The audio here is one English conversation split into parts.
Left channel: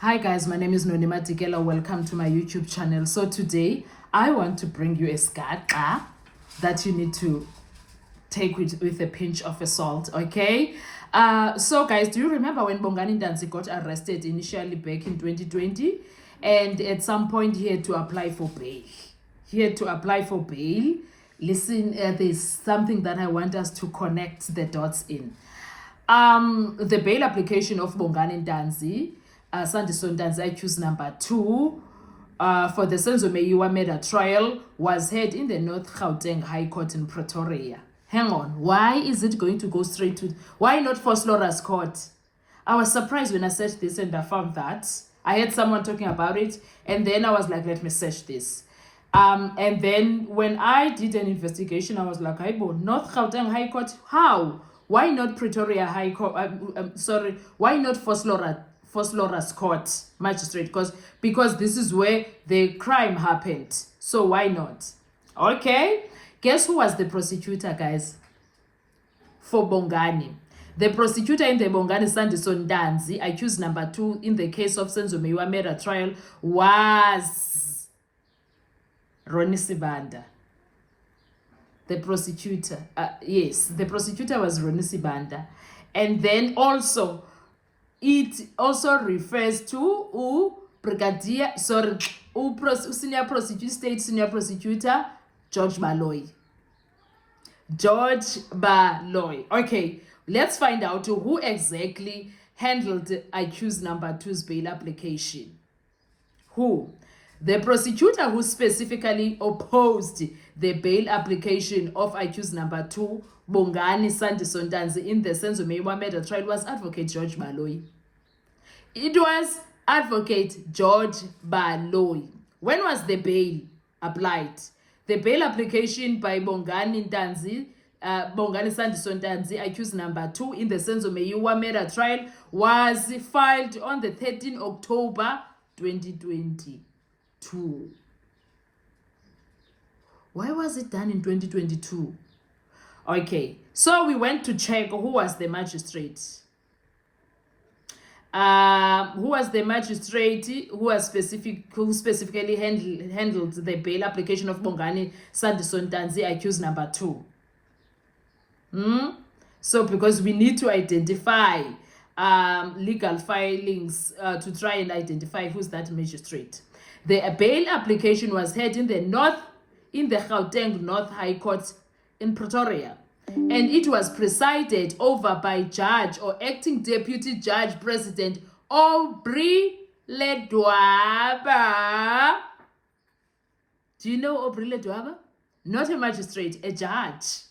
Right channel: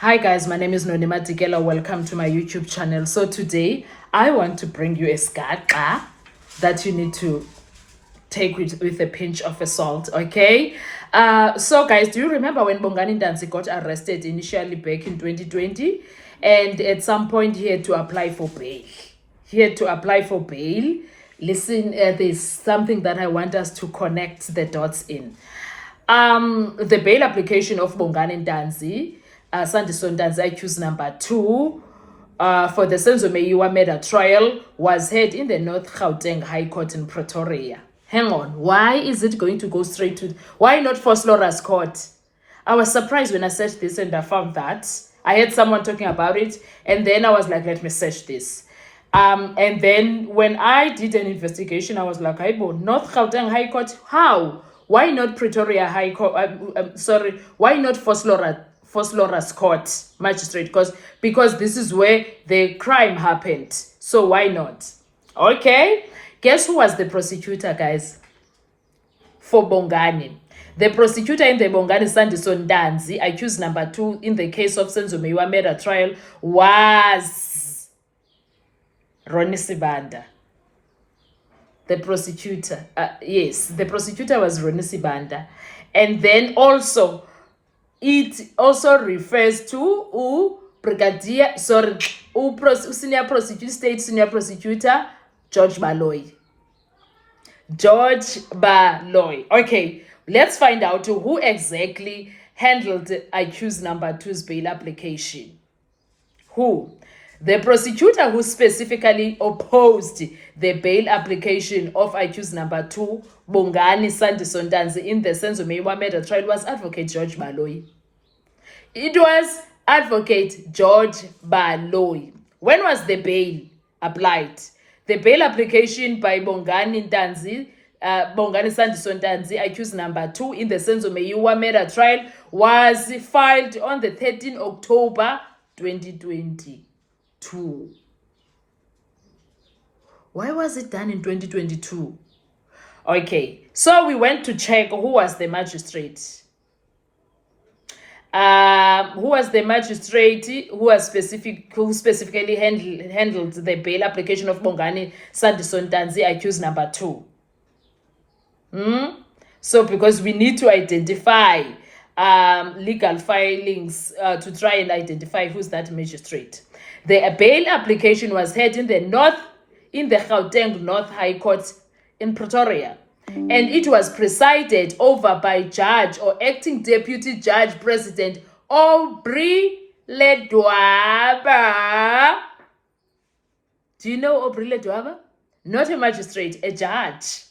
Hi guys, my name is Nonima Dikela. Welcome to my YouTube channel. So today I want to bring you a skaqa that you need to take with a pinch of salt, okay? So guys, do you remember when Bongani Ntanzi got arrested initially back in 2020? And at some point he had to apply for bail. Listen, there's something that I want us to connect the dots in. The bail application of Bongani Ntanzi, Sandiso Ntanzi accused number 2, for the Senzo Meyiwa murder trial was heard in the North Gauteng High Court in Pretoria. Hang on, why is it going to go straight to, why not for Vosloorus Court? I was surprised when I searched this and I found that. I heard someone talking about it and then I was like, let me search this. And then when I did an investigation, I was like, North Gauteng High Court, how? Why not Pretoria High Court? Why not Vosloorus Court Magistrate? Because this is where the crime happened. So why not? Okay. Guess who was the prosecutor, guys? For Bongani. The prosecutor in the Bongani Sandiso Ntanzi, accused number 2 in the case of Senzo Meyiwa murder trial, was Ronnie Sibanda. The prosecutor, the prosecutor was Ronnie Sibanda. And then also, it also refers to state senior prosecutor, George Baloyi. Okay, let's find out who exactly handled accused number 2's bail application. Who? The prosecutor who specifically opposed the bail application of accused number 2, Bongani Sandiso Ntanzi, in the Senzo Meyiwa murder trial was Advocate George Baloyi. It was Advocate George Baloyi. When was the bail applied? The bail application by Bongani Ntanzi, Bongani Sandiso Ntanzi, accused number 2 in the Senzo Meyiwa murder trial, was filed on the 13th October 2022. Why was it done in 2022? Okay, so we went to check who was the magistrate. Who was the magistrate who specifically handled the bail application of Bongani Sandiso Ntanzi, accused number 2. So because we need to identify legal filings to try and identify who's that magistrate. The bail application was heard in the Gauteng North High Court in Pretoria, and it was presided over by Judge or Acting Deputy Judge President Aubrey Ledwaba. Do you know Aubrey Ledwaba? Not a magistrate, a judge.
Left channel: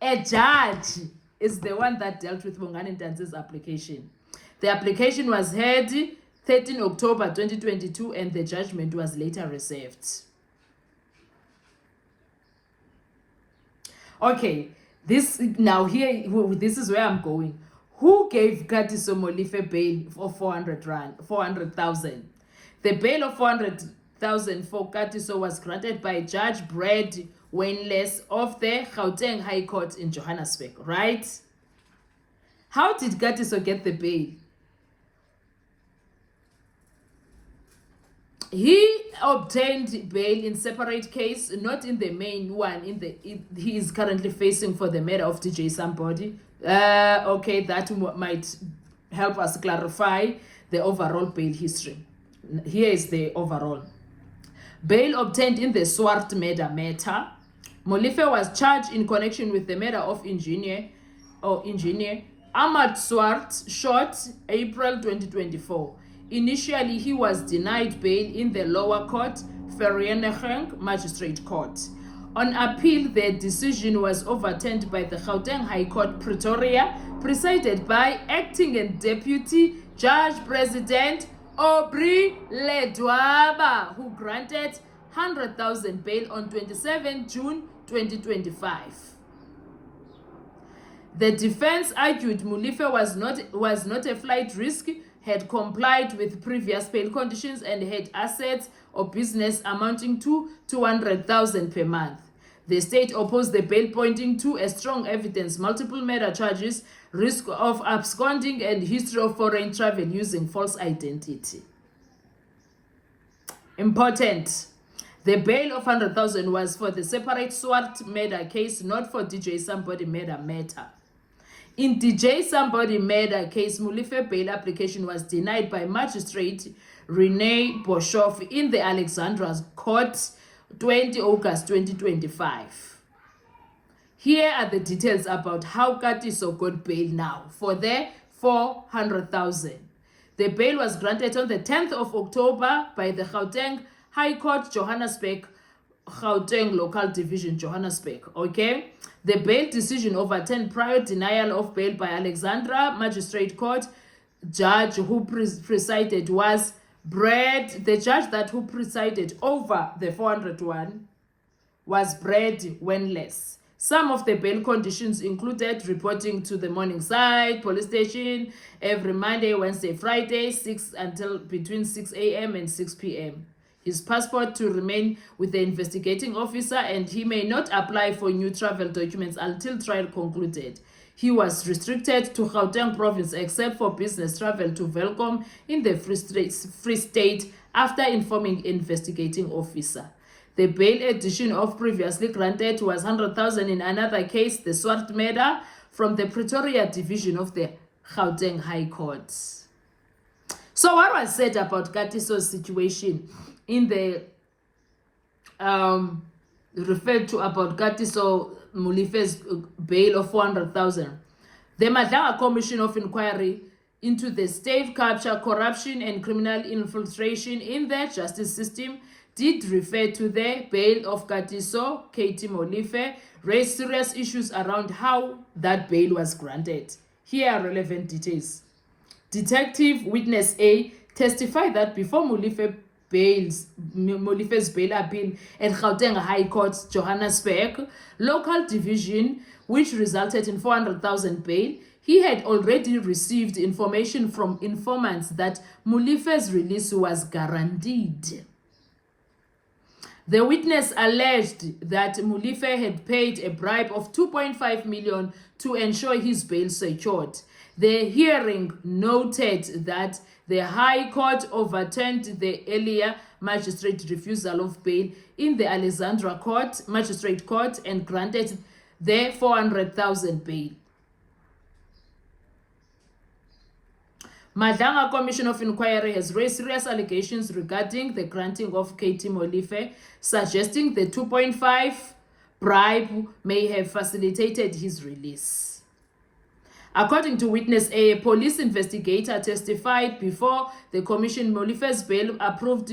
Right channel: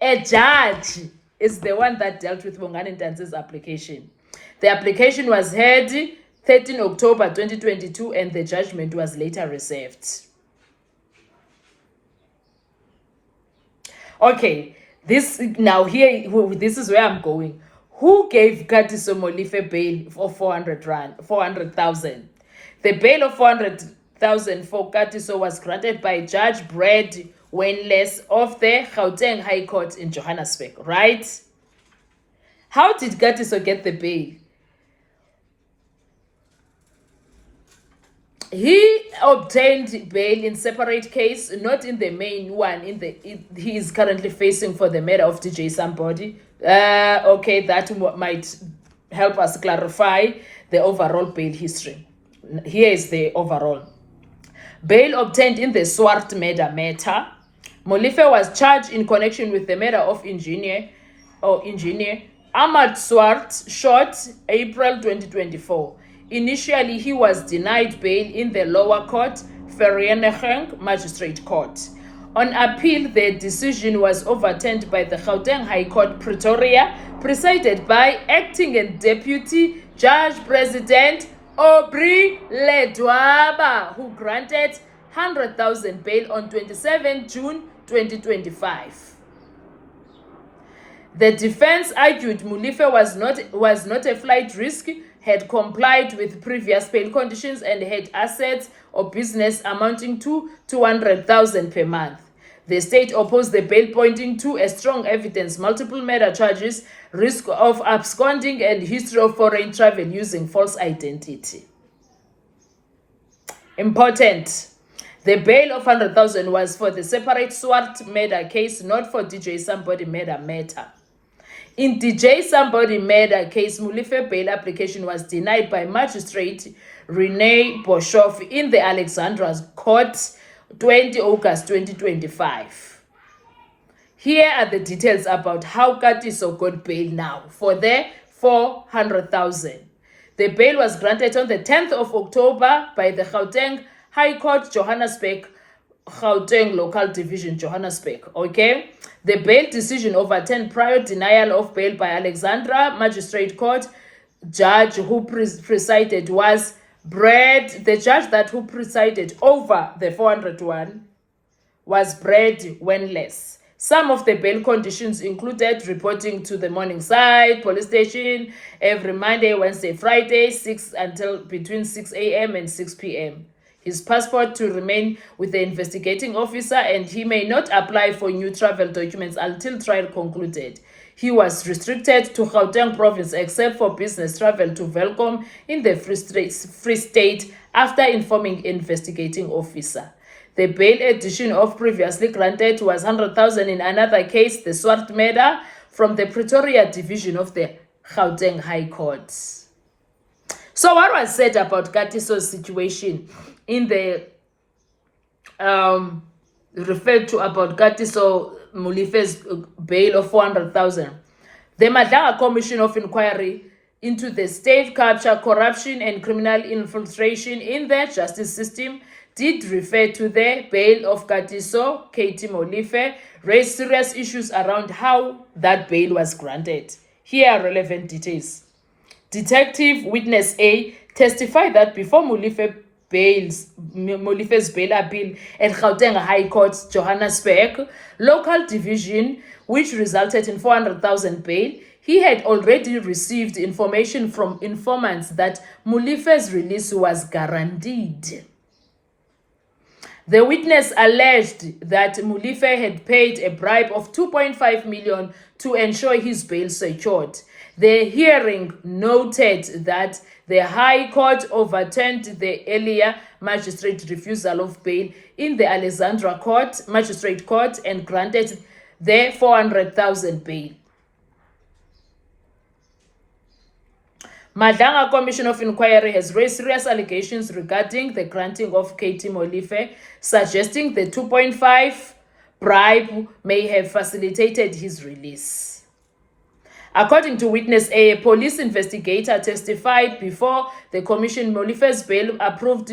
A judge is the one that dealt with Bongani Ntanzi's application. The application was heard 13 October 2022 and the judgment was later reserved. Okay, this is where I'm going. Who gave Katiso Molefe bail for 400,000? The bail of 400,000 for Katiso was granted by Judge Brad Wenless of the Gauteng High Court in Johannesburg, right? How did Katiso get the bail? He obtained bail in separate case, not in the main one. He is currently facing for the murder of DJ Somebody. Okay, that might help us clarify the overall bail history. Here is the overall. Bail obtained in the Swart murder matter. Molefe was charged in connection with the murder of engineer Ahmad Swart, shot April 2024. Initially, he was denied bail in the lower court, Vereeniging Magistrate Court. On appeal, the decision was overturned by the Gauteng High Court, Pretoria, presided by Acting and Deputy Judge President Aubrey Ledwaba, who granted 100,000 bail on 27 June 2025. The defense argued Molefe was not a flight risk, had complied with previous bail conditions, and had assets or business amounting to 200,000 per month. The state opposed the bail, pointing to a strong evidence, multiple murder charges, risk of absconding, and history of foreign travel using false identity. Important. The bail of 100,000 was for the separate Swart murder case, not for DJ Somebody Murder matter. In DJ Somebody Murder case, Molefe bail application was denied by Magistrate Renee Boshoff in the Alexandra Court, 20 August 2025. Here are the details about how Katiso got bail now for the 400,000. The bail was granted on the 10th of October by the Gauteng High Court, Johannesburg, Gauteng Local Division, Johannesburg. Okay? The bail decision overturned prior denial of bail by Alexandra Magistrate Court. Judge who presided was Brad. The judge who presided over the 401 was Brad Wenless. Some of the bail conditions included reporting to the Morningside police station every Monday, Wednesday, Friday, between 6 a.m. and 6 p.m. His passport to remain with the investigating officer, and he may not apply for new travel documents until trial concluded. He was restricted to Gauteng province except for business travel to Welkom in the Free State after informing investigating officer. The bail edition of previously granted was 100,000 in another case, the Swart murder, from the Pretoria division of the Gauteng High Court. So what was said about Katiso's situation in the referred to about Katiso Molefe's bail of 400,000? The Madlanga Commission of Inquiry into the state capture, corruption and criminal infiltration in the justice system did refer to the bail of Katiso Katie Molefe, raised serious issues around how that bail was granted. Here are relevant details. Detective Witness A testified that before Molefe's bail appeal at Gauteng High Court, Johannesburg, local division, which resulted in 400,000 bail, he had already received information from informants that Molefe's release was guaranteed. The witness alleged that Molefe had paid a bribe of 2.5 million to ensure his bail secured. The hearing noted that the High Court overturned the earlier magistrate refusal of bail in the Alexandra Court, Magistrate Court, and granted the 400,000 bail. Madlanga Commission of Inquiry has raised serious allegations regarding the granting of Katie Molefe, suggesting the 2.5 bribe may have facilitated his release. According to Witness A police investigator testified before the commission, Molefe's bail approved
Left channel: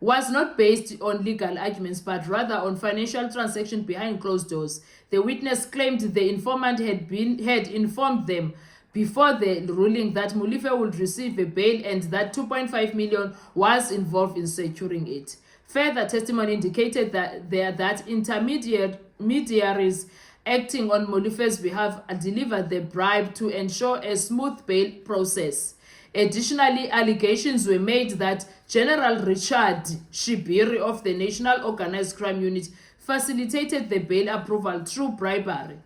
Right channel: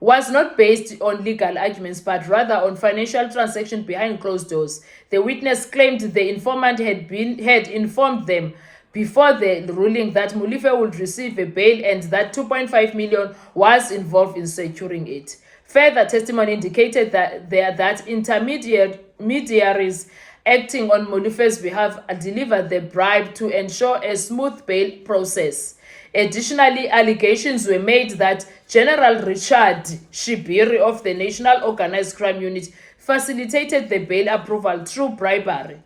was not based on legal arguments but rather on financial transactions behind closed doors. The witness claimed the informant had informed them before the ruling that Molefe would receive a bail and that 2.5 million was involved in securing it. Further testimony indicated that intermediaries acting on Molefe's behalf delivered the bribe to ensure a smooth bail process. Additionally, allegations were made that General Richard Shibiri of the National Organized Crime Unit facilitated the bail approval through bribery,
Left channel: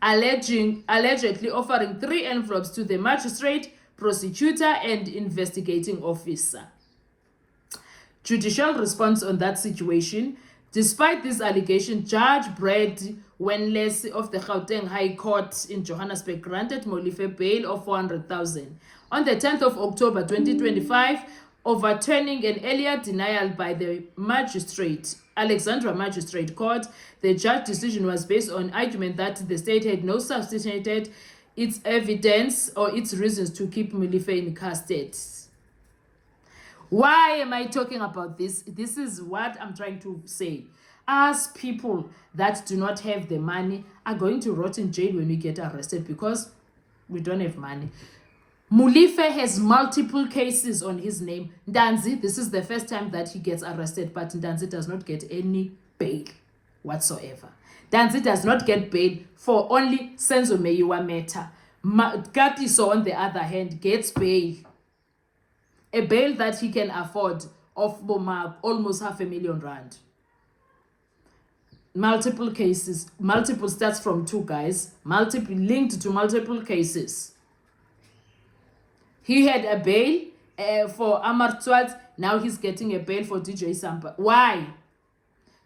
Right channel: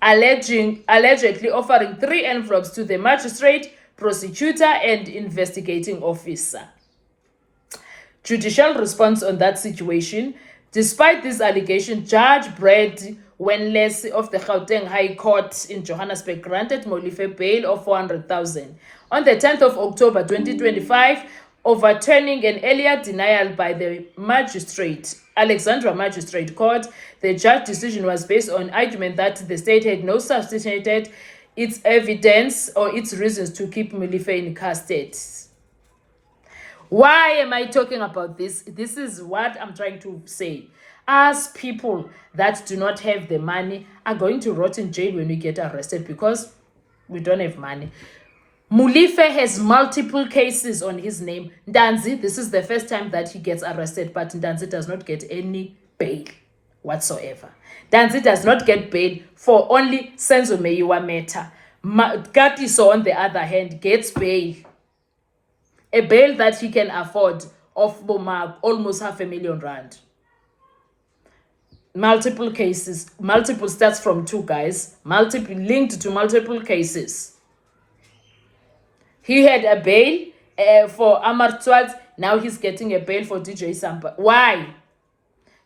allegedly offering 3 envelopes to the magistrate, prosecutor, and investigating officer. Judicial response on that situation. Despite this allegation, Judge Brad Wenless of the Gauteng High Court in Johannesburg granted Molefe bail of 400,000. On the 10th of October 2025, overturning an earlier denial by the Alexandra Magistrate Court, the judge decision was based on argument that the state had not substantiated its evidence or its reasons to keep Molefe in custody. Why am I talking about this? This is what I'm trying to say. Us people that do not have the money are going to rot in jail when we get arrested because we don't have money. Molefe has multiple cases on his name. Ntanzi, this is the first time that he gets arrested, but Ntanzi does not get any bail whatsoever. Ntanzi does not get bail for only Senzo Meyiwa matter. Katiso, on the other hand, gets bail. A bail that he can afford of almost R500,000. Multiple cases, multiple stats from 2 guys, linked to multiple cases. He had a bail for Amartswat Now he's getting a bail for DJ Sampa. Why?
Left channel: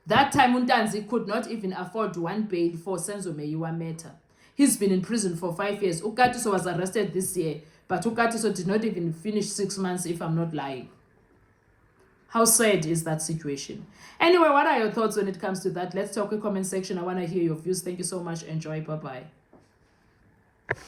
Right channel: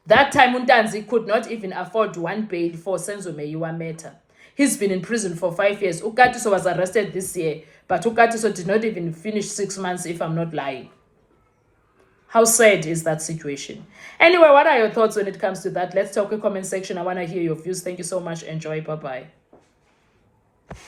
That time Untanzi could not even afford one bail for Senzo Meyiwa matter. He's been in prison for 5 years. Ukatiso was arrested this year, but Ukatiso did not even finish 6 months, if I'm not lying. How sad is that situation? Anyway, what are your thoughts when it comes to that? Let's talk in the comment section. I want to hear your views. Thank you so much. Enjoy. Bye-bye.